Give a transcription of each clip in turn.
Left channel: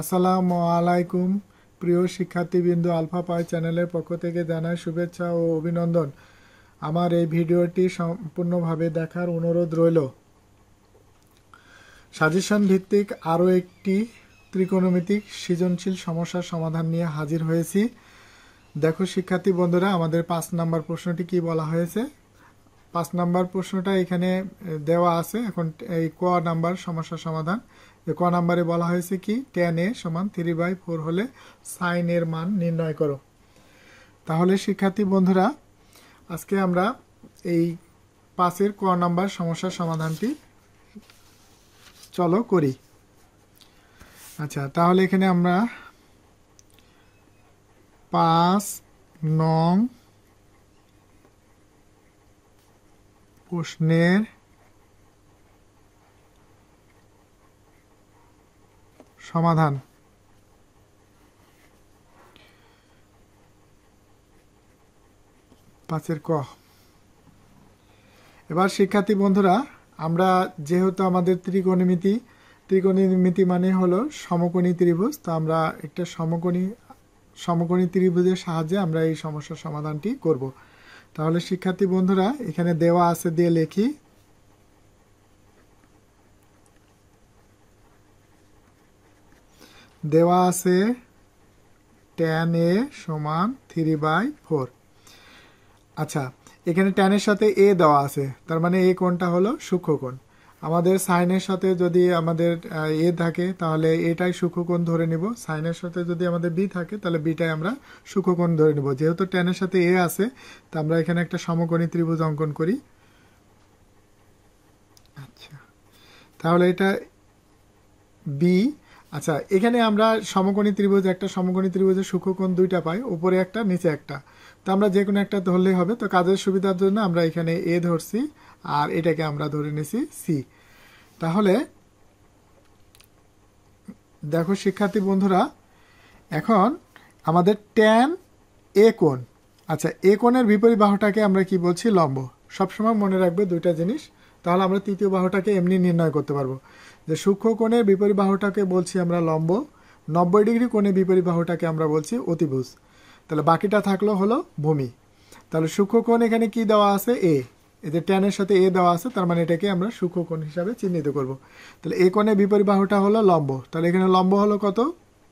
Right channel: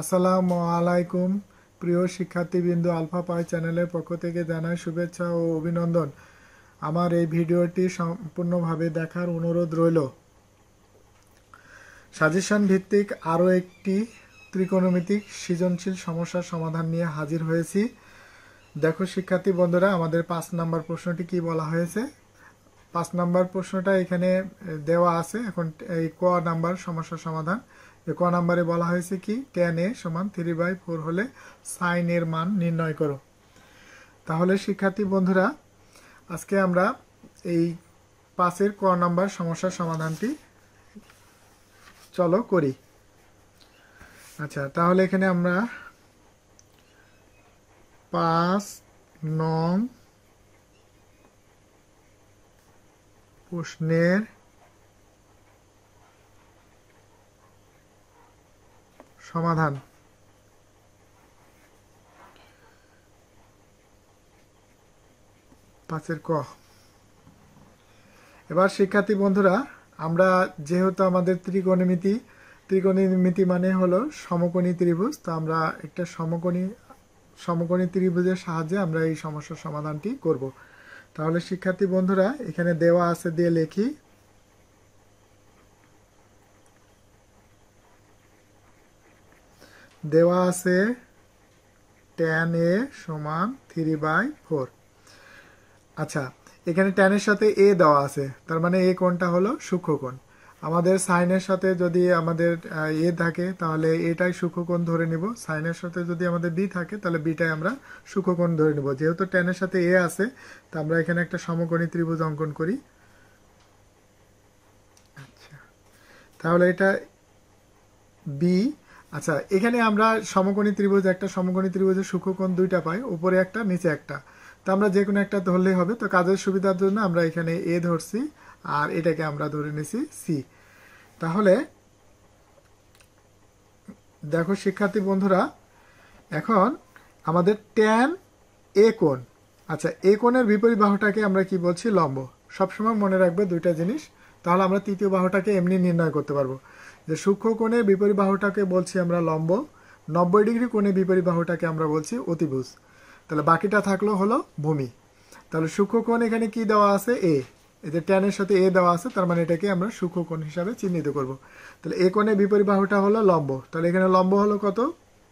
আসসালামু আলাইকুম প্রিয় শিক্ষার্থীবৃন্দ, আলফা পাই চ্যানেলের পক্ষ থেকে জানাই শুভেচ্ছা ও অভিনন্দন। আমার এই ভিডিওটি সম্পূর্ণভাবে দেখার অনুরোধ রইল। সাজেশন ভিত্তিক আরও একটি ত্রিকোণমিতিক সৃজনশীল সমস্যার সমাধান নিয়ে হাজির হয়েছি। দেখো শিক্ষার্থী বন্ধুরা, আমাদের 5 নম্বর প্রশ্নটি কি বলা হয়েছে। 5 নম্বর প্রশ্নটা এখানে দেওয়া আছে। এখন এই ক নাম্বার সমস্যার সমাধান। ক নাম্বারে বলা হয়েছে কি, tan a সমান 3/4 হলে sin এর মান নির্ণয় করো। তাহলে শিক্ষার্থী বন্ধুরা, আজকে আমরা এই 5-এর ক নাম্বার সমস্যার সমাধানটি চলো করি। আচ্ছা, তাহলে এখানে আমরা 5 নং প্রশ্নের সমাধান। 5-এর ক। এবার শিক্ষার্থী বন্ধুরা, আমরা যেহেতু আমাদের ত্রিকোণমিতি মানে হলো সমকোণী ত্রিভুজ, তো আমরা একটা সমকোণী ত্রিভুজের সাহায্যে আমরা এই সমস্যার সমাধানটি করব। তাহলে শিক্ষার্থী বন্ধুরা, এখানে দেওয়া আছে দিয়ে লিখি। দেওয়া আছে tan a সমান 3/4। আচ্ছা, এখানে tan এর সাথে a দেওয়া আছে, তার মানে এই কোণটা হলো সূক্ষ্মকোণ। আমাদের সাইনের সাথে যদি আমাদের a থাকে তাহলে এটাই সূক্ষ্মকোণ ধরে নিব। সাইনের সাথে যদি আমাদের b থাকে তাহলে bটাই আমরা সূক্ষ্মকোণ ধরে নিব। যেহেতু tan এর সাথে a আছে, তো আমরা এখানে একটা সমকোণী ত্রিভুজ অঙ্কন করি। আচ্ছা, তাহলে এটা b। আচ্ছা, এখানে আমরা একটা সমকোণী ত্রিভুজের সূক্ষ্মকোণ দুইটা পাই, উপরে একটা নিচে একটা। তো আমরা যে কোনো একটা ধরলেই হবে। তো কাজের সুবিধার জন্য আমরা এখানে a ধরছি আর এটাকে আমরা ধরে নিছি c। তাহলে দেখো শিক্ষার্থী বন্ধুরা, এখন আমাদের tan a কোণ। আচ্ছা, a কোণের বিপরীত বাহুটাকে আমরা কি বলছি? লম্ব। সবসময় মনে রাখবো দুইটা জিনিস, তাহলে আমরা তৃতীয় বাহুটাকে এমনি নির্ণয় করতে পারবো যে সূক্ষ্ম কোণের বিপরীত বাহুটাকে বলছি আমরা লম্ব, 90 ডিগ্রি কোণের বিপরীত বাহুটাকে আমরা বলছি অতিভুজ। তাহলে বাকিটা থাকলো হলো ভূমি। তাহলে সূক্ষ্ম কোণ এখানে কি দেওয়া আছে? a। এই যে tan এর সাথে a দেওয়া আছে, তার মানে এটাকে আমরা সূক্ষ্ম কোণ হিসাবে চিহ্নিত করব। তাহলে a কোণের বিপরীত বাহুটা হলো লম্ব। তাহলে এখানে লম্ব হলো কত?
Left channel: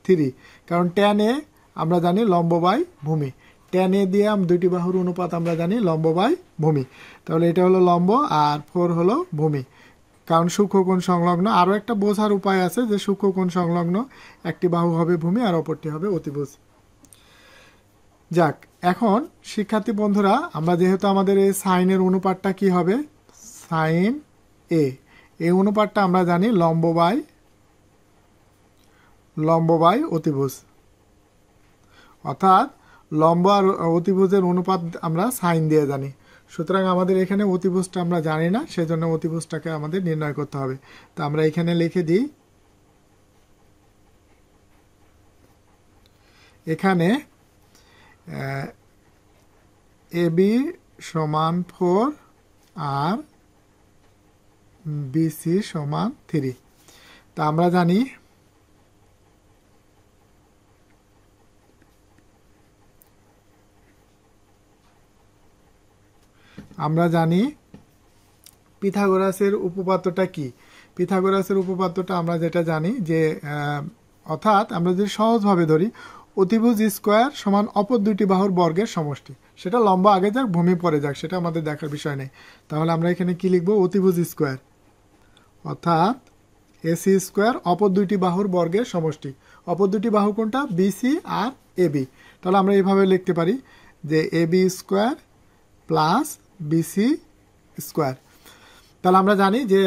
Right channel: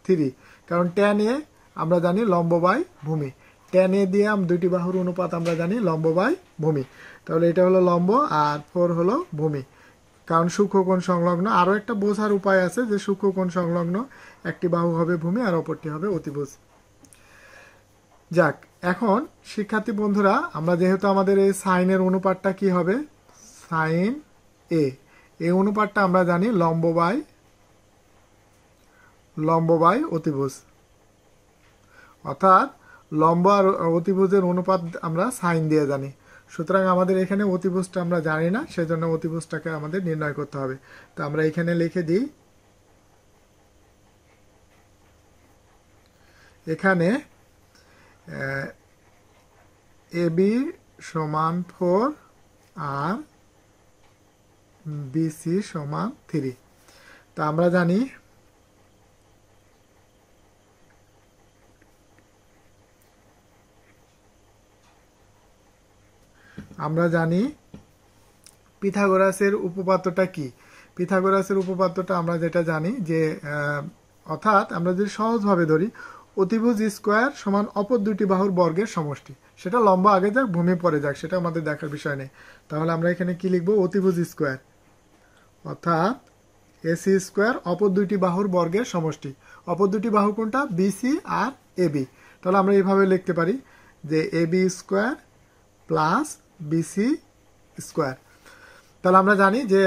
3। কারণ tan a আমরা জানি লম্ব বাই ভূমি। tan a দিয়ে দুইটি বাহুর অনুপাত আমরা জানি লম্ব বাই ভূমি। তাহলে এটা হলো লম্ব আর 4 হলো ভূমি, কারণ সূক্ষ্মকোণ সংলগ্ন। আরো একটা বোঝার উপায় আছে যে সূক্ষ্মকোণ সংলগ্ন একটি বাহু হবে ভূমি আর অপরটি হবে অতিভুজ। যাক, এখন শিক্ষার্থী বন্ধুরা, আমরা যেহেতু আমাদের এই সাইনের অনুপাতটা কি হবে? Sine a। এই অনুপাতটা আমরা জানি লম্ব বাই অতিভুজ। অর্থাৎ লম্ব আর অতিভুজের অনুপাত আমরা সাইন দিয়ে জানি। সুতরাং আমাদের এখানে অতিভুজটা আমরা জানি না, সেজন্য অতিভুজটাকে আমাদের নির্ণয় করতে হবে। তো আমরা এখানে লিখে দিই, এখানে AB সমান 4 আর BC সমান 3। তা আমরা জানি পিথাগোরাসের উপপাদ্যটা কি। পিথাগোরাসের উপপাদ্যটা আমরা যেটা জানি যে অর্থাৎ আমরা যদি সহজভাবে ধরি, অতিভুজ স্কোয়ার সমান অপর দুইটি বাহুর বর্গের সমষ্টি। সেটা লম্ব আগে যাক, ভূমি পরে যাক, সেটা আমাদের দেখার বিষয় নেই। তাহলে আমরা এখানে কি লিখবো? অতিভুজ স্কোয়ার অর্থাৎ AC স্কোয়ার অপর দুইটি বাহুর বর্গের সমষ্টি। অপর দুটি বাহু কোনটা? BC আর AB। তাহলে আমরা এইভাবে লিখতে পারি যে AB square plus BC square. তাহলে আমরা জানি যে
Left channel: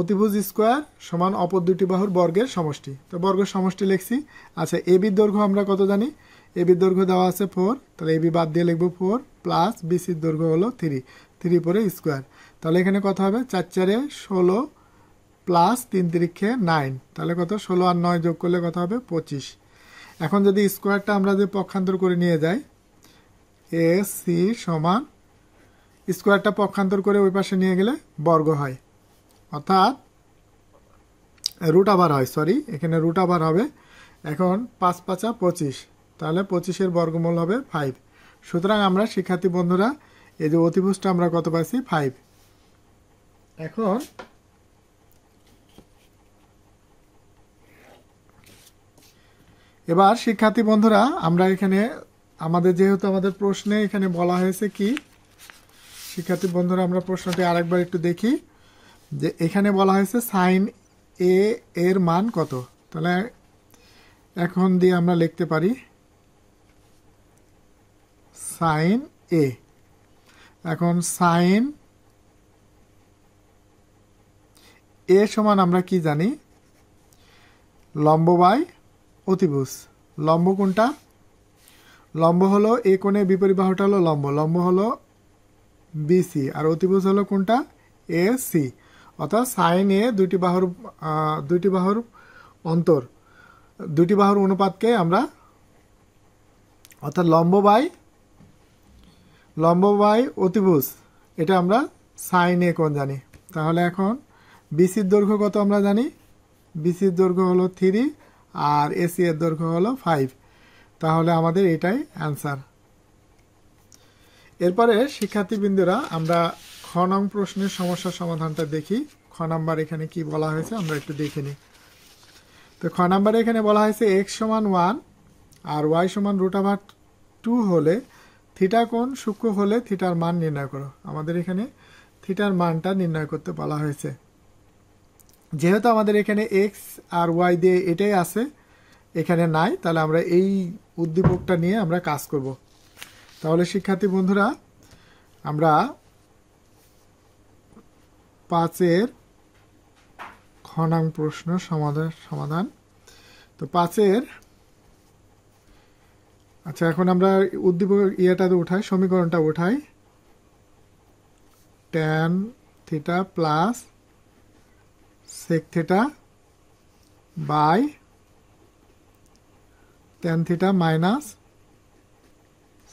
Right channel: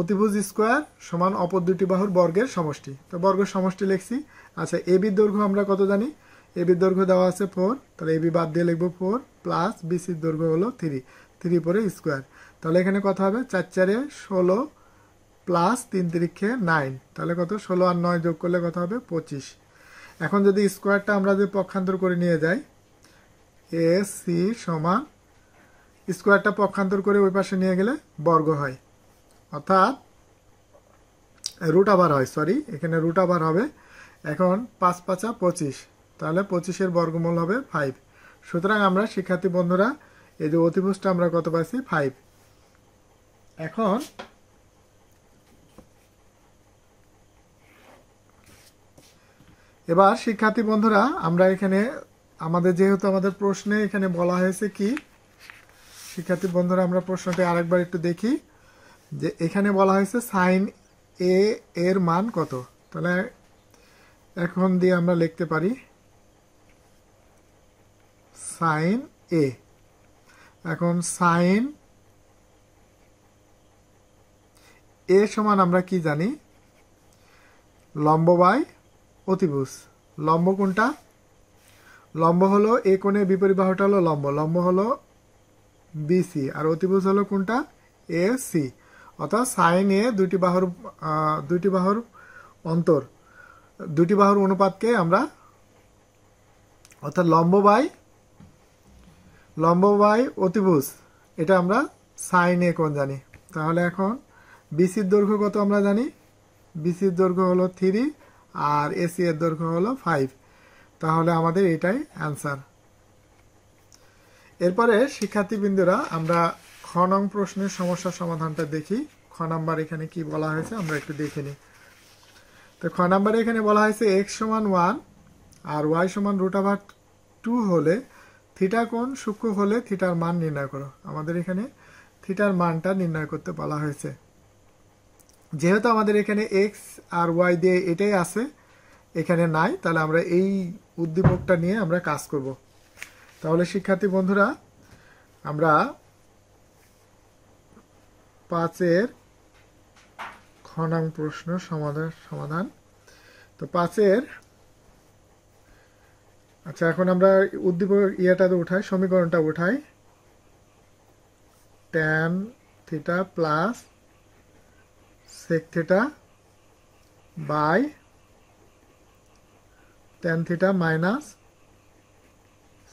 অতিভুজ স্কোয়ার সমান অপর দুটি বাহুর বর্গের সমষ্টি। তো বর্গের সমষ্টি লিখছি। আচ্ছা, এবির দৈর্ঘ্য আমরা কত জানি? এবির দৈর্ঘ্য দেওয়া আছে 4, তাহলে এবি বাদ দিয়ে লিখবো 4 প্লাস বিসির দৈর্ঘ্য হলো 3 পরে স্কোয়ার। তাহলে এখানে কত হবে? 4 4 16 প্লাস 3 3 9। তাহলে কত? 16 আর 9 যোগ করলে কত হবে? 25। এখন যদি স্কোয়ারটা আমরা যে পক্ষান্তর করে নিয়ে যাই, AC সমান স্কোয়ারটা পক্ষান্তর করে ওই পাশে নিয়ে গেলে বর্গ হয়। অর্থাৎ রুট আবার হয়, সরি, এখানে রুট আবার হবে। এখন 5 × 5 = 25, তাহলে 25-এর বর্গমূল হবে 5। সুতরাং আমরা শিক্ষার্থী বন্ধুরা এই যে অতিভুজটা আমরা কত পাইছি, 5। এখন এবার শিক্ষার্থী বন্ধুরা আমরা এখানে আমাদের যেহেতু আমাদের প্রশ্নে এখানে বলা হয়েছে কি, শিক্ষার্থী বন্ধুরা আমরা প্রশ্নটি আরেকবার একটু দেখি যে এখানে বলা হয়েছে সাইন এ এর মান কত। তাহলে এখন দিয়ে আমরা লিখতে পারি সাইন এ। এখন সাইন এ সমান আমরা কি জানি, লম্ব বাই অতিভুজ। লম্ব কোনটা, লম্ব হলো এ কোণের বিপরীত বাহুটা হলো লম্ব, লম্ব হলো বিসি, আর অতিভুজ হলো কোনটা, এ সি। অর্থাৎ সাইন এ দুইটি বাহুর অন্তর, দুটি বাহুর অনুপাতকে আমরা, অর্থাৎ লম্ব বাই অতিভুজ, এটা আমরা সাইন এ কোণ জানি। তাহলে এখন বিসির দৈর্ঘ্য কত আমরা জানি, বিসির দৈর্ঘ্য হলো 3 আর এসি এর দৈর্ঘ্য হলো 5। তাহলে আমাদের এটাই অ্যান্সার। এরপরে শিক্ষার্থীবৃন্দরা আমরা খ নং প্রশ্নের সমস্যার সমাধানটা দেখি। খ নাম্বার এখানে কি বলা হয়েছে আমরা একটু দেখে নিই। তো খ নাম্বারে এখানে বলা হয়েছে x = 1 আর y = √2 হলে থিটা কোণ সূক্ষ্ম হলে থিটার মান নির্ণয় করো। আমাদের এখানে থিটার মানটা নির্ণয় করতে বলা হয়েছে। যেহেতু আমাদের এখানে x আর y দিয়ে এটাই আছে, এখানে নাই, তাহলে আমরা এই উদ্দীপকটা নিয়ে আমরা কাজ করব। তাহলে শিক্ষার্থী বন্ধুরা আমরা 5-এর খ নং প্রশ্ন সমাধান। তো 5-এর, আচ্ছা এখন আমরা উদ্দীপক উঠাই, সমীকরণটা উঠাই। tan theta plus sec theta by tan theta minus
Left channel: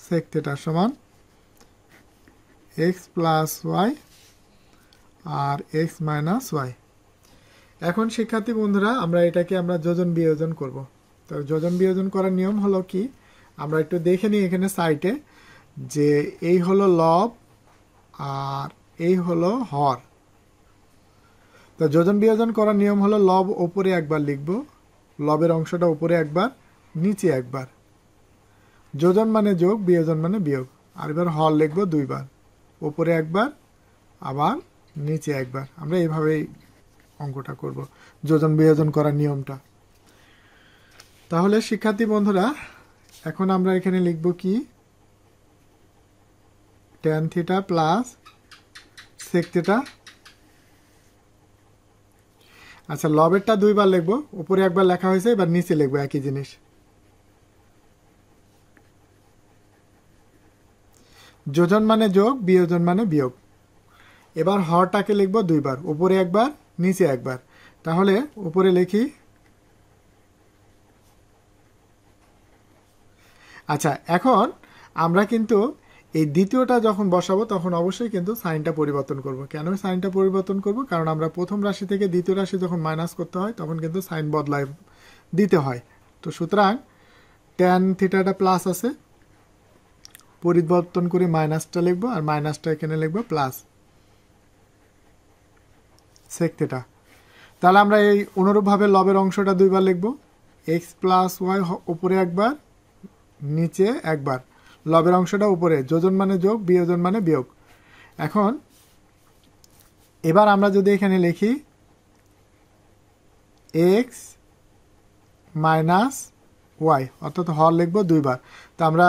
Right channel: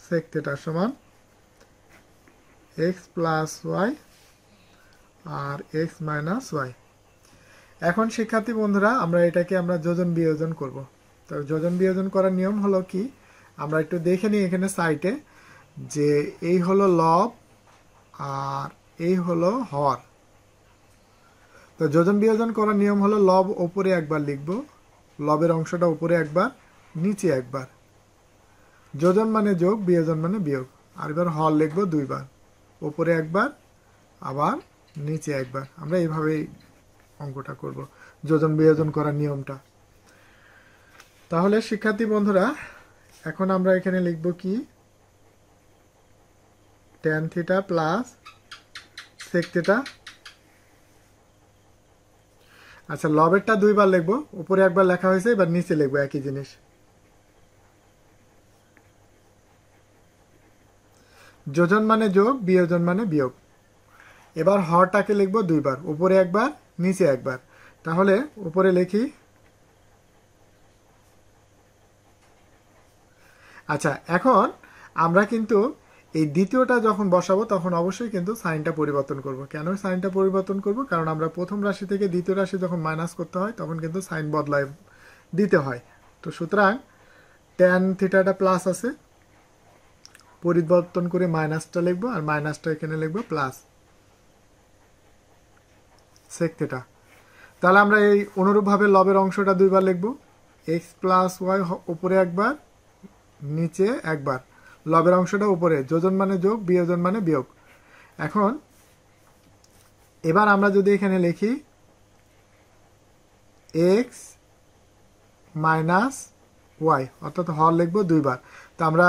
sec theta সমান x প্লাস y আর x মাইনাস y। এখন শিক্ষার্থী বন্ধুরা আমরা এটাকে আমরা যোজন বিয়োজন করব। তো যোজন বিয়োজন করার নিয়ম হলো কি, আমরা একটু দেখে নিই এখানে সাইটে যে এই হলো লব আর এই হলো হর। তো যোজন বিয়োজন করার নিয়ম হলো লব উপরে একবার লিখব, লবের অংশটা উপরে একবার নিচে একবার, যোজন মানে যোগ, বিয়োজন মানে বিয়োগ। আর এবার হর লিখব 2 বার, উপরে একবার আবার নিচে একবার। আমরা এইভাবেই অঙ্কটা করব, যোজন বিয়োজন করার নিয়মটা। তাহলে শিক্ষার্থী বন্ধুরা এখন আমরা এখানে লিখব কি, tan theta plus sec theta. আচ্ছা লবেরটা 2 বার লিখবো, উপরে একবার লেখা হয়েছে, এবার নিচে লিখবো একই জিনিস। যোজন মানে যোগ, বিয়োজন মানে বিয়োগ। এবার হরটাকে লিখবো 2 বার, উপরে একবার নিচে একবার। তাহলে উপরে লিখি, আচ্ছা এখন আমরা কিন্তু এই দ্বিতীয়টা যখন বসাবো তখন অবশ্যই কিন্তু সাইনটা পরিবর্তন করব। কেন সাইনটা পরিবর্তন করব, কারণ আমরা প্রথম রাশি থেকে দ্বিতীয় রাশি যখন মাইনাস করতে হয় তখন কিন্তু সাইন বদলায় দিতে হয়। তো সুতরাং tan থিটাটা প্লাস আছে, পরিবর্তন করে মাইনাসটা লিখবো, আর মাইনাসটা এখানে লিখবো প্লাস sec থিটা। তাহলে আমরা এই অনুরূপভাবে লবের অংশটা 2 বার লিখবো, x প্লাস ওয়াই উপরে একবার নিচে একবার, লবের অংশটা উপরে, যোজন মানে যোগ, বিয়োজন মানে বিয়োগ। এখন এবার আমরা যদি এখানে লিখি x মাইনাস ওয়াই, অর্থাৎ হর লিখবো 2 বার। তো আমরা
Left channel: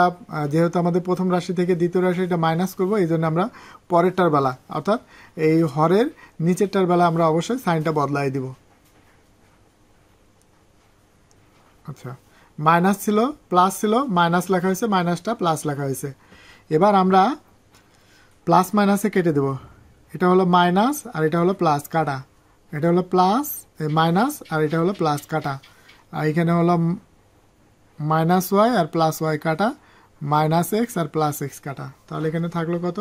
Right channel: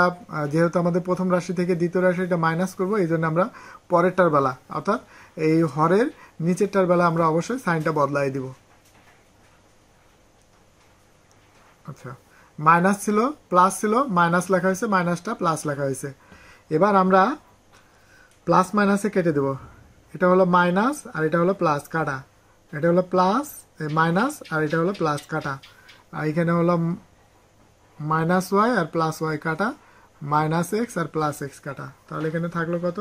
যেহেতু আমাদের প্রথম রাশি থেকে দ্বিতীয় রাশিটা মাইনাস করবো, এই জন্য আমরা পরেরটার বেলা অর্থাৎ এই হরের নিচেরটার বেলা আমরা অবশ্যই সাইনটা বদলাই দিব। আচ্ছা মাইনাস ছিল প্লাস ছিল, মাইনাস লেখা হয়েছে, মাইনাসটা প্লাস লেখা হয়েছে। এবার আমরা প্লাস মাইনাসে কেটে দেব, এটা হলো মাইনাস আর এটা হলো প্লাস কাটা, এটা হলো প্লাস মাইনাস আর এটা হলো প্লাস কাটা, আর এখানে হলো মাইনাস ওয়াই আর প্লাস ওয়াই কাটা, মাইনাস এক্স আর প্লাস এক্স কাটা। তাহলে এখানে থাকলো কত,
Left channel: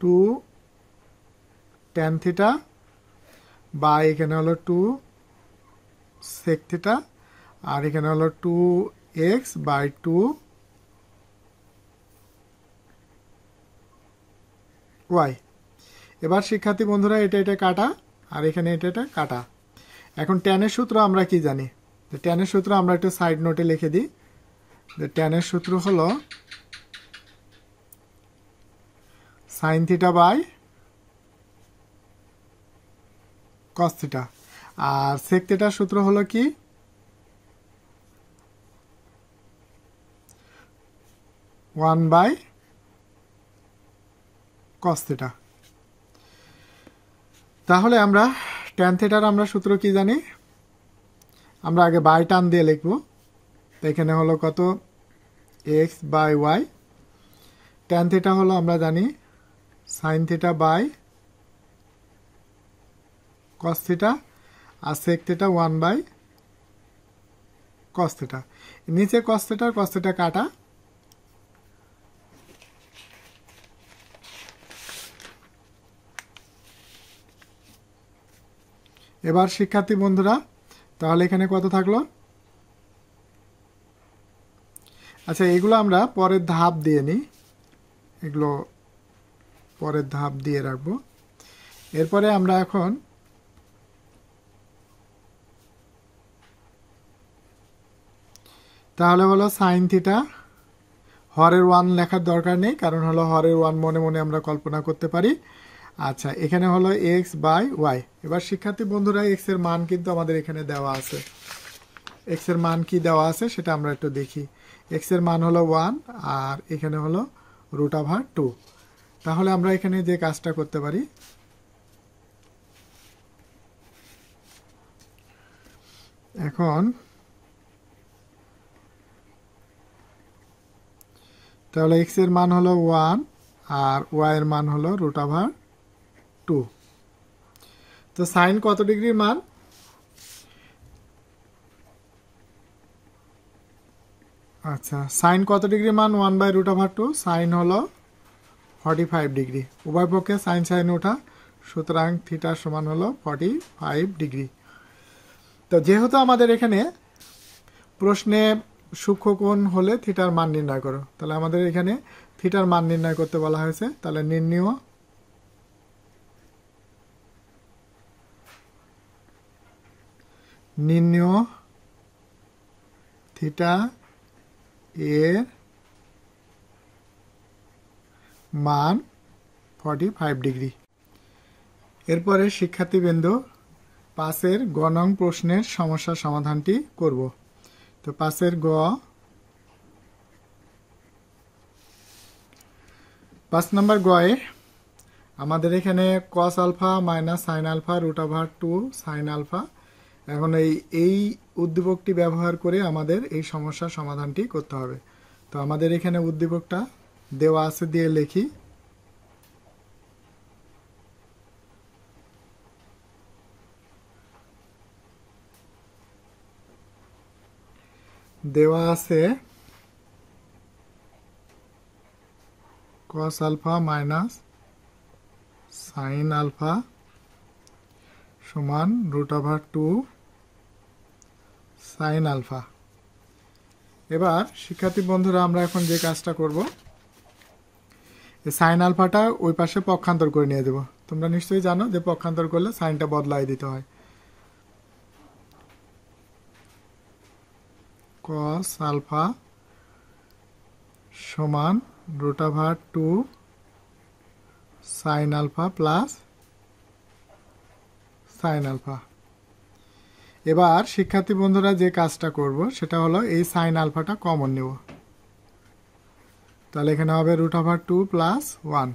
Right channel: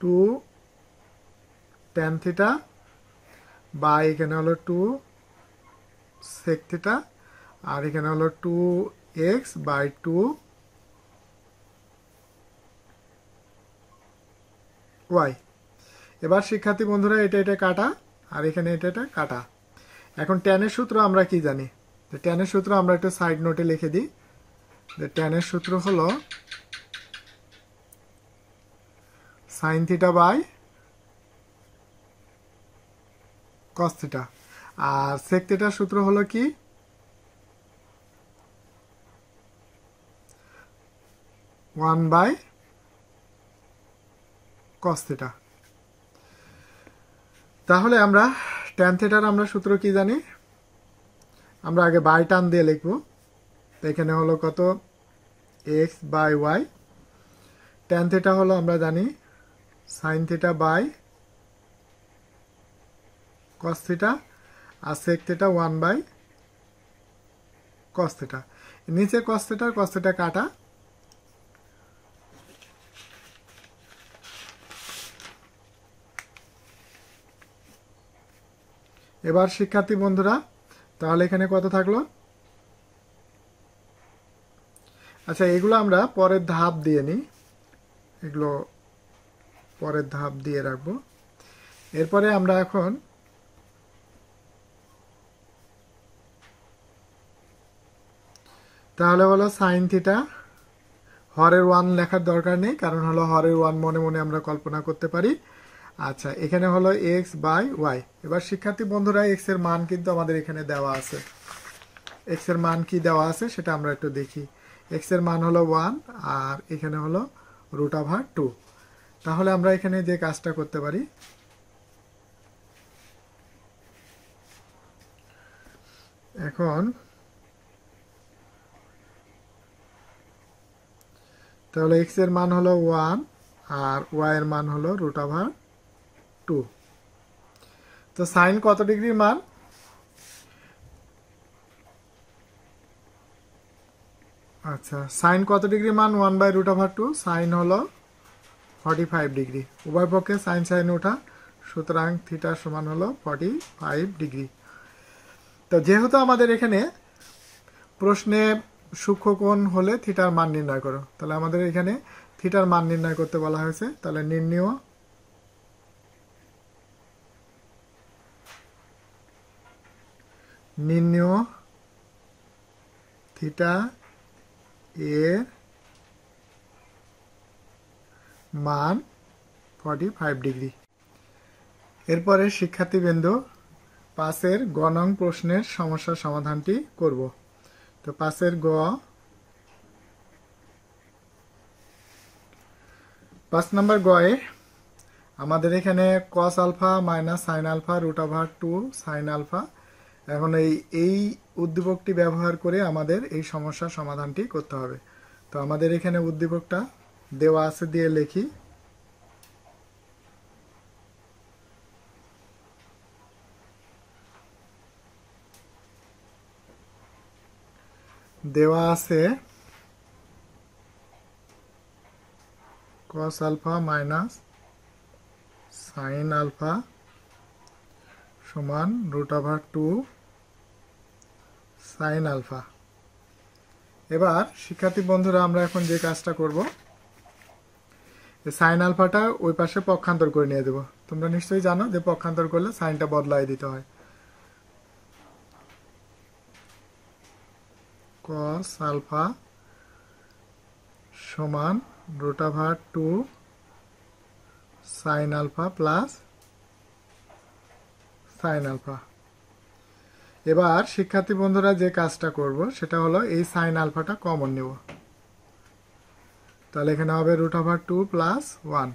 2 tan থিটা বা এখানে হলো 2 সেক থিটা, আর এখানে হলো 2x/2y। এবার শিক্ষার্থী বন্ধুরা এটা এটা কাটা, আর এখানে এটা এটা কাটা। এখন ট্যানের সূত্র আমরা কি জানি? ট্যানের সূত্র আমরা একটু সাইড নোটে লিখে দিই। ট্যানের সূত্র হলো sine theta by cos theta, আর সেক থিটার সূত্র হলো কি? 1/cos theta. তাহলে আমরা ট্যান থিটার আমরা সূত্র কি জানি? আমরা আগে বাই টান দিয়ে লিখব। এখানে হলো কত? x/y। ট্যান থিটা হলো আমরা জানি sine theta by cos theta, আর সেক থিটা 1/cos থিটা। নিচে কস থিটা কাটা। এবার শিক্ষার্থী বন্ধুরা তাহলে এখানে কত থাকলো? আচ্ছা, এগুলো আমরা পরের ধাপ দিয়ে নিই, এগুলো পরের ধাপ দিয়ে রাখবো। এরপরে আমরা এখন তাহলে হলো সাইন থিটা, হরের 1 লেখার দরকার নেই, কারণ হলো হরের 1 মনে মনে আমরা কল্পনা করতে পারি। আচ্ছা, এখানে হলো x/y। এবার শিক্ষার্থী বন্ধুরা x এর মান কিন্তু আমাদের এখানে দেওয়া আছে। x এর মান কি দেওয়া আছে সেটা আমরা একটু দেখি। x এর মান হলো 1, আর এখানে হলো √2। তাহলে আমরা এখানে যে কাজটা করতে পারি, এখন তাহলে x এর মান হলো 1 আর y এর মান হলো √2। তো সাইন কত ডিগ্রির মান? আচ্ছা, সাইন কত ডিগ্রি মান? 1/√2। সাইন হলো 45 ডিগ্রি। উভয় পক্ষে সাইন সাইন ওঠা, সুতরাং থিটা সমান হলো 45 ডিগ্রি। তো যেহেতু আমাদের এখানে প্রশ্নে সূক্ষ্মকোণ হলে থিটার মান নির্ণয় করো, তাহলে আমাদের এখানে থিটার মান নির্ণয় করতে বলা হয়েছে। তাহলে নির্ণয় থিটা এর মান 45 ডিগ্রি। এরপরে শিক্ষার্থীবৃন্দ 5-এর গ নং প্রশ্নের সমস্যার সমাধানটি করব। তো 5-এর গ, 5 নম্বর গয়ে আমাদের এখানে cos alpha minus sine alpha √2 sine alpha. এখন এই উদ্দীপকটি ব্যবহার করে আমাদের এই সমস্যার সমাধানটি করতে হবে। তো আমাদের এখানে উদ্দীপকটা দেওয়া আছে, দিয়ে লিখি। দেওয়া আছে cos alpha minus sine alpha সমান √2 সাইন আলফা। এবার শিক্ষার্থী বন্ধুরা আমরা এখন যে কাজটা করব, সাইন আলফাটা ওই পাশে পক্ষান্তর করে নিয়ে দেব। তোমরা নিশ্চয়ই জানো যে পক্ষান্তর করলে সাইনটা বদলাই দিতে হয়। cos আলফা সমান √2 sine alpha plus sine alpha. এবার শিক্ষার্থী বন্ধুরা যে কাজটা করব সেটা হলো এই সাইন আলফাটা কমন নেব। তাহলে এখানে হবে √2 প্লাস 1।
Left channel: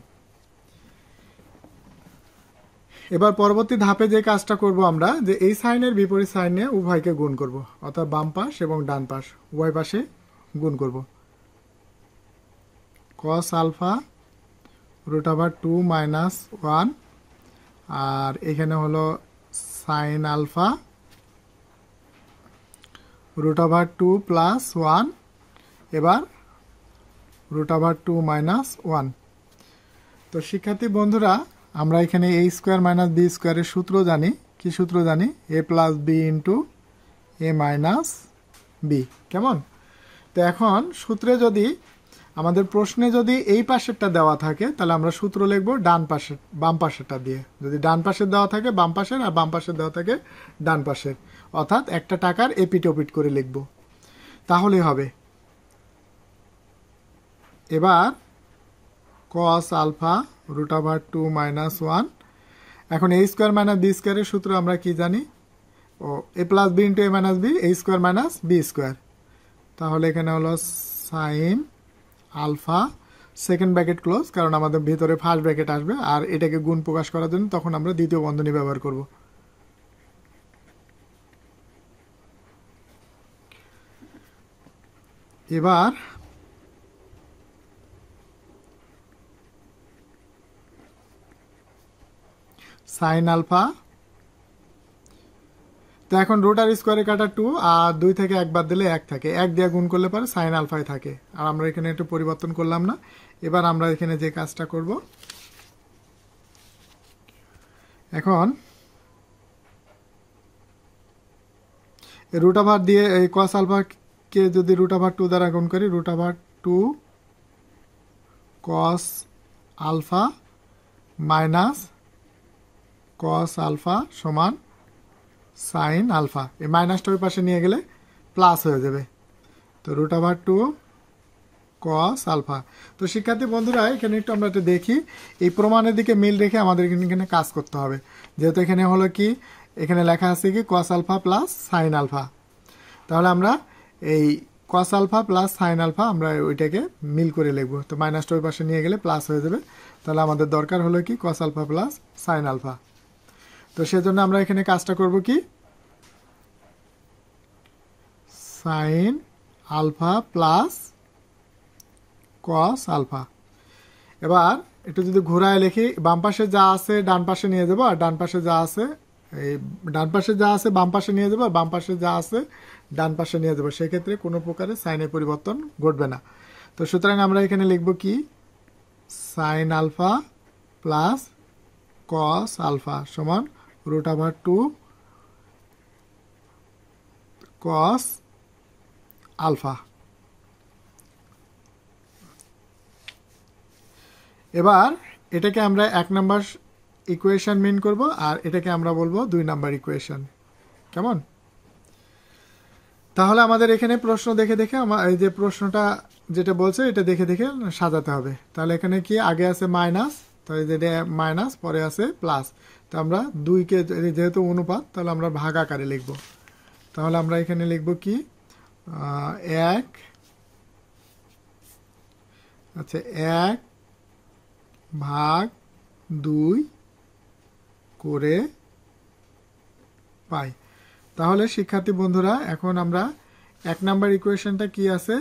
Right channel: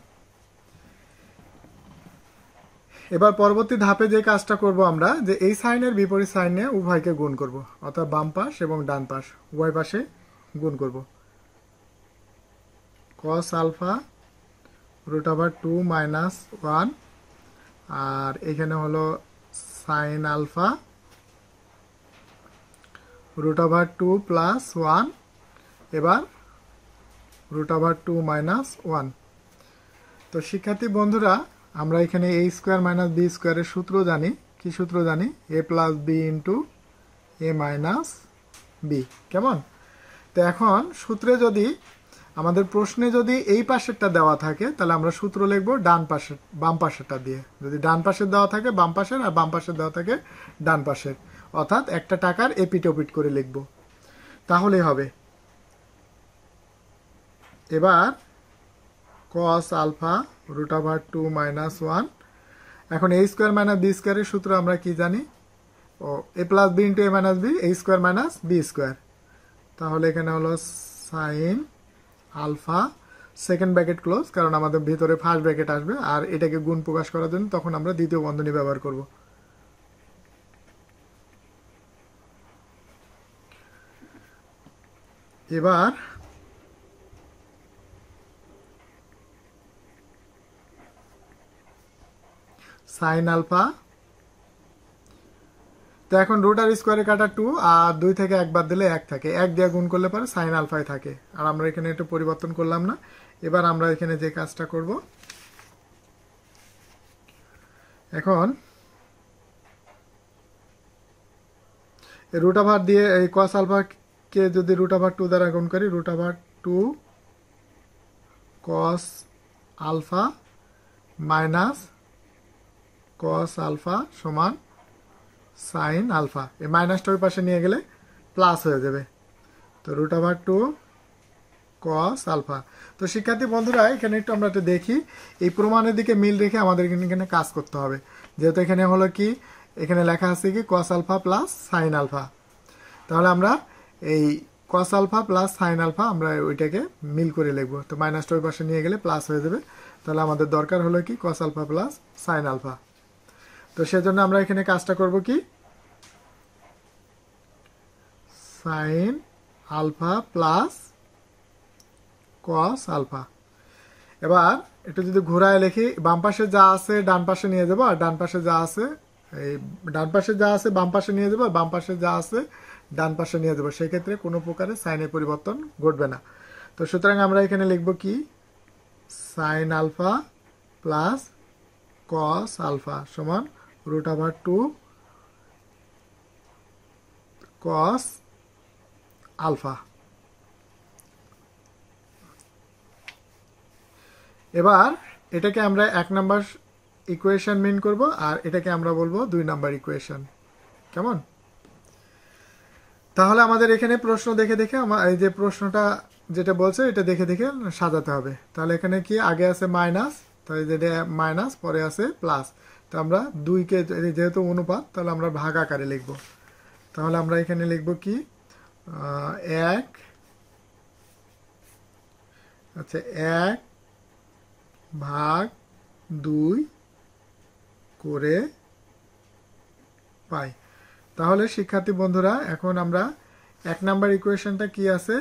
এবার পরবর্তী ধাপে যে কাজটা করব আমরা, যে এই সাইনের বিপরীত সাইনে উভয়কে গুণ করব, অর্থাৎ বাম পাশ এবং ডান পাশ উভয় পাশে গুণ করব। cos আলফা √2 মাইনাস 1, আর এখানে হলো সাইন আলফা √2 প্লাস 1, এবার √2 মাইনাস 1। তো শিক্ষার্থী বন্ধুরা আমরা এখানে a² মাইনাস b² এর সূত্র জানি। কি সূত্র জানি? a plus b into a minus b. কেমন? তো এখন সূত্রে যদি আমাদের প্রশ্নে যদি এই পাশেরটা দেওয়া থাকে তাহলে আমরা সূত্র লিখব ডান পাশের বাম পাশেরটা দিয়ে। যদি ডান পাশের দেওয়া থাকে বাম পাশের, আর বাম পাশের দেওয়া থাকে ডান পাশের, অর্থাৎ একটা টাকার এপিট ওপিট করে লিখব, তাহলেই হবে। এবার cos alpha root over 2 minus 1। এখন a স্কোয়ার মাইনাস বি স্কোয়ারের সূত্র আমরা কি জানি? ও a plus b into a minus b, a square minus b square. তাহলে এখানে হলো sine alpha, second bracket close, কারণ আমাদের ভিতরে ফার্স্ট ব্র্যাকেট আসবে, আর এটাকে গুণ প্রকাশ করার জন্য তখন আমরা দ্বিতীয় বন্ধনী ব্যবহার করব। এবার সাইন আলফা, তো এখন রুট আর স্কোয়ারে কাটা 2, আর 2 থেকে একবার দিলে 1 থাকে, 1 দিয়ে গুণ করলে পরে সাইন আলফায় থাকে, আর আমরা এখানে একটু পরিবর্তন করলাম না। এবার আমরা এখানে যে কাজটা করব, এখন রুট ওভার দিয়ে এই কস আলফাকে যদি রুট ওভার 2 দ্বারা গুণ করি, root over 2 cos alpha minus cos alpha সমান সাইন আলফা। এই মাইনাসটা ওই পাশে নিয়ে গেলে প্লাস হয়ে যাবে। তো রুট ওভার 2 কস আলফা। তো শিক্ষার্থী বন্ধুরা, এখানে একটু আমরা একটু দেখি, এই প্রমাণের দিকে মিল রেখে আমাদের এখানে কাজ করতে হবে। যেহেতু এখানে হলো কি, এখানে লেখা আছে কি cos alpha plus sine alpha, তাহলে আমরা এই cos alpha plus sine alpha আমরা ওইটাকে মিল করে লিখবো। তো মাইনাসটা ওই পাশে নিয়ে গেলে প্লাস হয়ে যাবে। তাহলে আমাদের দরকার হলো কি cos alpha plus sine alpha. তো সেজন্য আমরা এখানে কাজটা করব কি, sine alpha plus cos alpha. এবার এটা যদি ঘোরায় লিখি, বাম পাশে যা আছে ডান পাশে নিয়ে যাবো, আর ডান পাশে যা আছে এই ডান পাশে যা আছে বাম পাশে নিয়ে যাবো, আর বাম পাশে যা আছে ডান পাশে নিয়ে যাবো। সেক্ষেত্রে কোনো প্রকারের সাইনের পরিবর্তন ঘটবে না। তো সুতরাং আমরা এখানে লিখব কি, sine alpha plus cos alpha সমান রুট ওভার 2 কস আলফা। এবার এটাকে আমরা 1 নাম্বার ইকুয়েশন মিন করব, আর এটাকে আমরা বলবো 2 নাম্বার ইকুয়েশন। কেমন? তাহলে আমাদের এখানে প্রশ্ন দেখে দেখে এই যে প্রশ্নটা যেটা বলছে এটা দেখে দেখে সাজাতে হবে। তাহলে এখানে কি আগে আছে মাইনাস, তাহলে যেটা মাইনাস, পরে আছে প্লাস। তো আমরা 2কে যেহেতু অনুপাত, তাহলে আমরা ভাগ আকারে লিখব। তাহলে আমরা এখানে লিখব কি, 1 আচ্ছা 1 ভাগ 2 করে পাই। তাহলে শিক্ষার্থী বন্ধুরা, এখন আমরা 1 নাম্বার ইকুয়েশনটা কি আছে,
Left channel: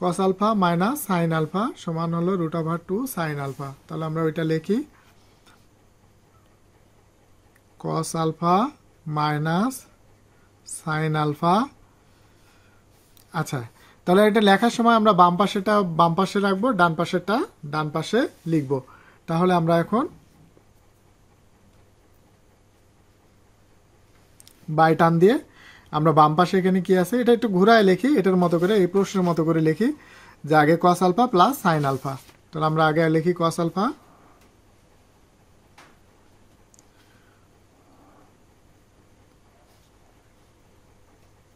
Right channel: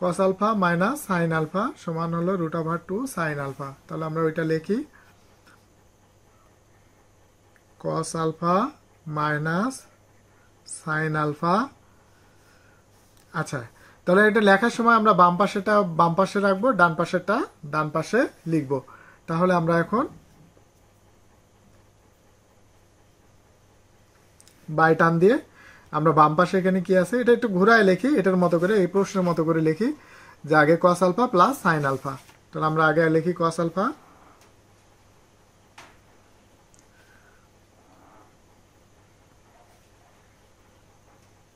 cos alpha minus sine alpha সমান হলো রুট ওভার 2 সাইন আলফা। তাহলে আমরা ওইটা লিখি, cos alpha minus sine alpha. আচ্ছা, তাহলে এটা লেখার সময় আমরা বাম পাশেটা বাম পাশে রাখবো, ডান পাশেরটা ডান পাশে লিখবো। তাহলে আমরা এখন বাই টান দিয়ে আমরা বাম পাশে এখানে কি আছে এটা একটু ঘুরায় লিখি, এটার মতো করে এই প্রশ্নের মতো করে লিখি যে আগে cos alpha plus sine alpha. তাহলে আমরা আগে লিখি কস আলফা,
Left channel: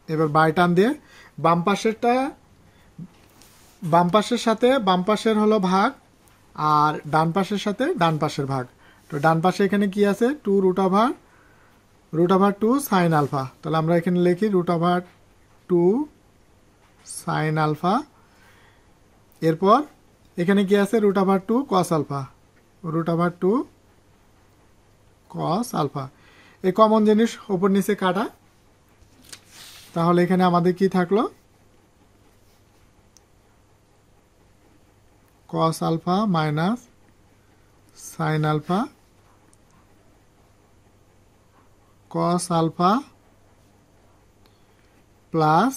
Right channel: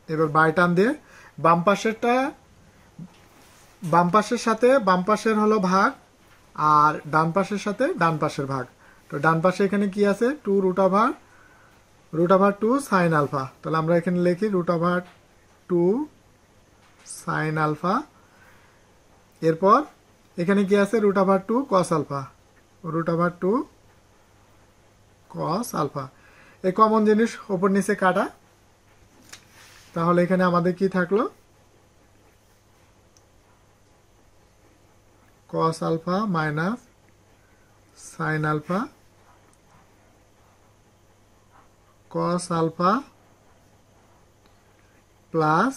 এবার বাই টান দিয়ে বাম পাশেরটা বাম পাশের সাথে বাম পাশের হলো ভাগ, আর ডান পাশের সাথে ডান পাশের ভাগ। তো ডান পাশে এখানে কি আছে, 2 রুট ওভার 2 সাইন আলফা। তাহলে আমরা এখানে লিখি রুট ওভার 2 সাইন আলফা। এরপর এখানে কি আছে, root over 2 cos alpha, root over 2 cos alpha. এই কমন জিনিস ওপর নিচে কাটা। তাহলে এখানে আমাদের কি থাকলো, cos alpha minus sine alpha cos alpha plus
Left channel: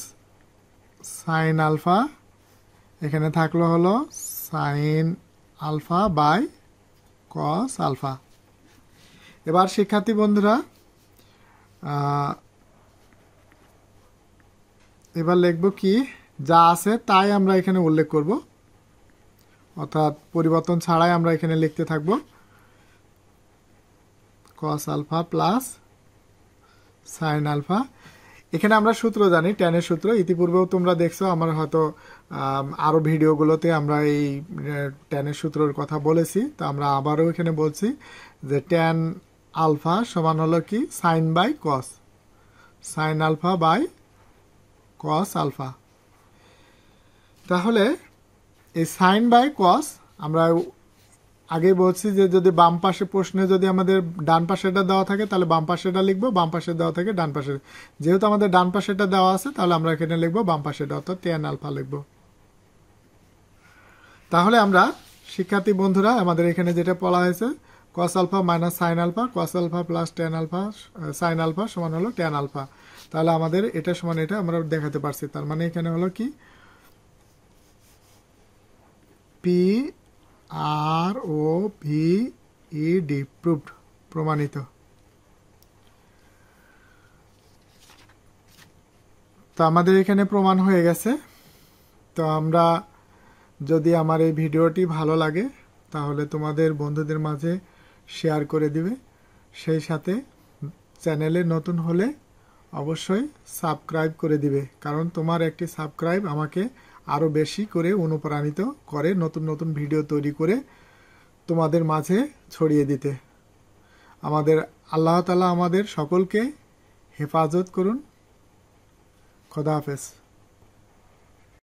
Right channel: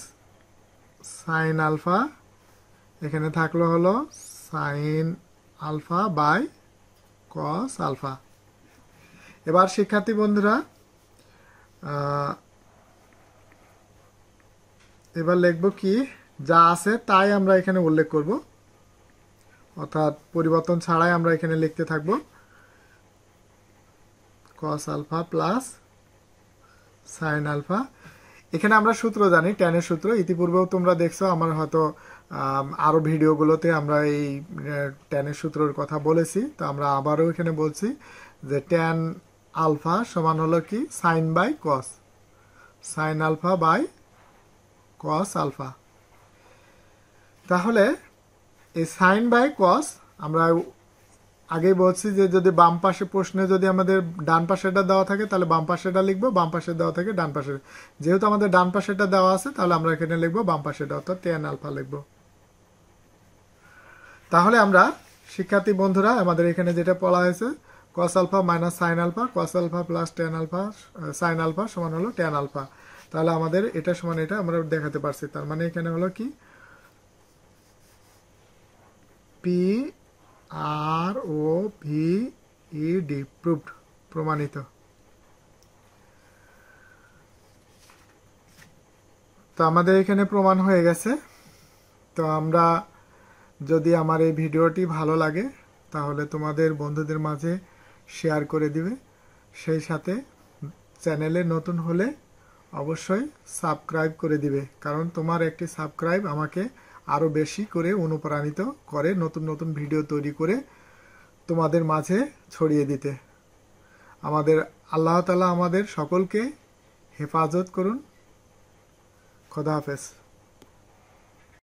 sine alpha, এখানে থাকলো হলো sine alpha by cos alpha. এবার শিক্ষার্থী বন্ধুরা, এবার লিখব কি, যা আছে তাই আমরা এখানে উল্লেখ করব, অর্থাৎ পরিবর্তন ছাড়াই আমরা এখানে লিখতে থাকব cos alpha plus sin alpha. এখানে আমরা সূত্র জানি, ট্যানের সূত্র, ইতিপূর্বেও তোমরা দেখছো আমার হয়তো আরো ভিডিওগুলোতে আমরা এই ট্যানের সূত্রের কথা বলেছি। তো আমরা আবারও এখানে বলছি যে ট্যান আলফা সমান হলো কি sine by cos, sine alpha by cos alpha. তাহলে এই সাইন বাই কস আমরা আগেই বলছি যে যদি বাম পাশে প্রশ্নে যদি আমাদের ডান পাশেটা দেওয়া থাকে তাহলে বাম পাশেটা লিখবো, বাম পাশে দেওয়া থাকে ডান পাশে। যেহেতু আমাদের ডান পাশেটা দেওয়া আছে তাহলে আমরা এখানে লিখবো বাম পাশেটা, অর্থাৎ ট্যান আলফা লিখবো। তাহলে আমরা শিক্ষার্থী বন্ধুরা আমাদের এখানে যেটা বলা হয়েছে cos alpha minus sine alpha, cos alpha plus tan alpha, sine alpha সমান হলো ট্যান আলফা। তাহলে আমাদের এটা সমান এটা আমরা দেখাতে পারছি। তার মানে এখানে হলো কি পি আর ও ভি ই ডি, প্রুভড, প্রমাণিত। তো আমাদের এখানে প্রমাণ হয়ে গেছে। তো আমরা যদি আমার এই ভিডিওটি ভালো লাগে তাহলে তোমাদের বন্ধুদের মাঝে শেয়ার করে দিবে, সেই সাথে চ্যানেলে নতুন হলে অবশ্যই সাবস্ক্রাইব করে দিবে, কারণ তোমার একটি সাবস্ক্রাইব আমাকে আরও বেশি করে অনুপ্রাণিত করে নতুন নতুন ভিডিও তৈরি করে তোমাদের মাঝে ছড়িয়ে দিতে। আমাদের আল্লাহ তাআলা আমাদের সকলকে হেফাজত করুন। খোদা হাফেজ।